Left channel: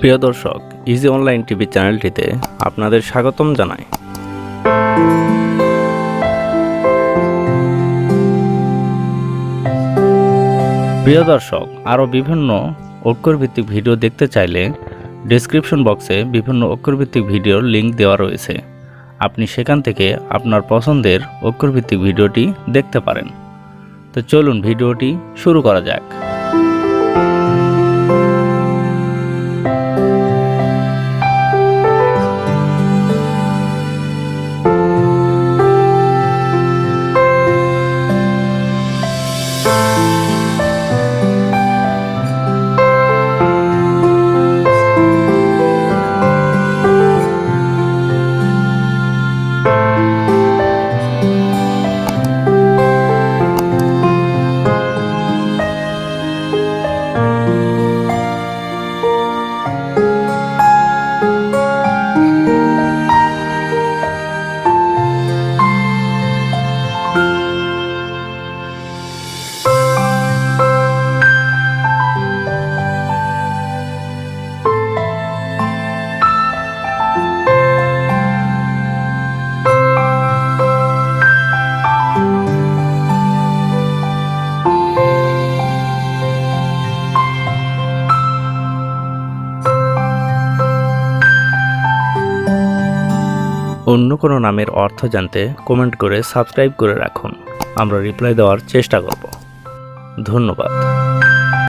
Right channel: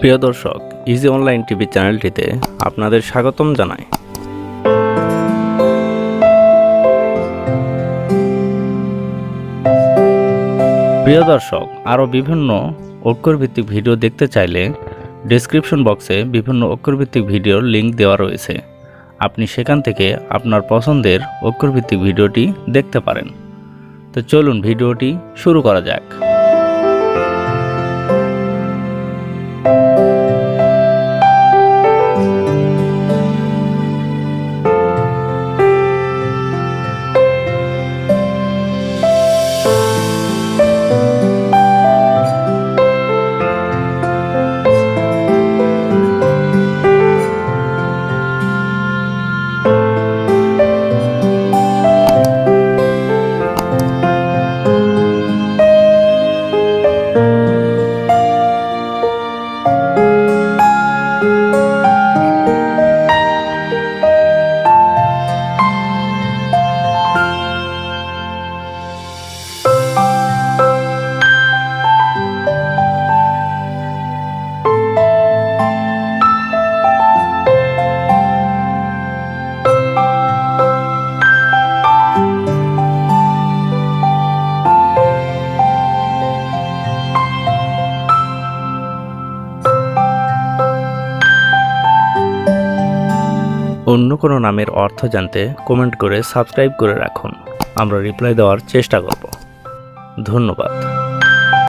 প্রিয় দর্শক, easy online TV চ্যানেলটিতে আপনাদের স্বাগতম জানাই। প্রিয় দর্শক, আরও বিভিন্ন অক্ষরভিত্তিক ভিডিও দেখতে চাইলে ডেসক্রিপশন বক্সে বিভিন্ন অক্ষরভিত্তিক ভিডিওর লিঙ্ক দেওয়া রয়েছে। আপনি সেখান থেকে আপনার পছন্দের অক্ষরভিত্তিক ভিডিওটি দেখতে পারেন। তো চলুন ভিডিওটি শুরু করা যাক। অন্য কোনো নামের অর্থ জানতে কমেন্ট করে সাবস্ক্রাইব করে রাখুন। আমরা রিপ্লাই দেওয়ার চেষ্টা করব। ধন্যবাদ।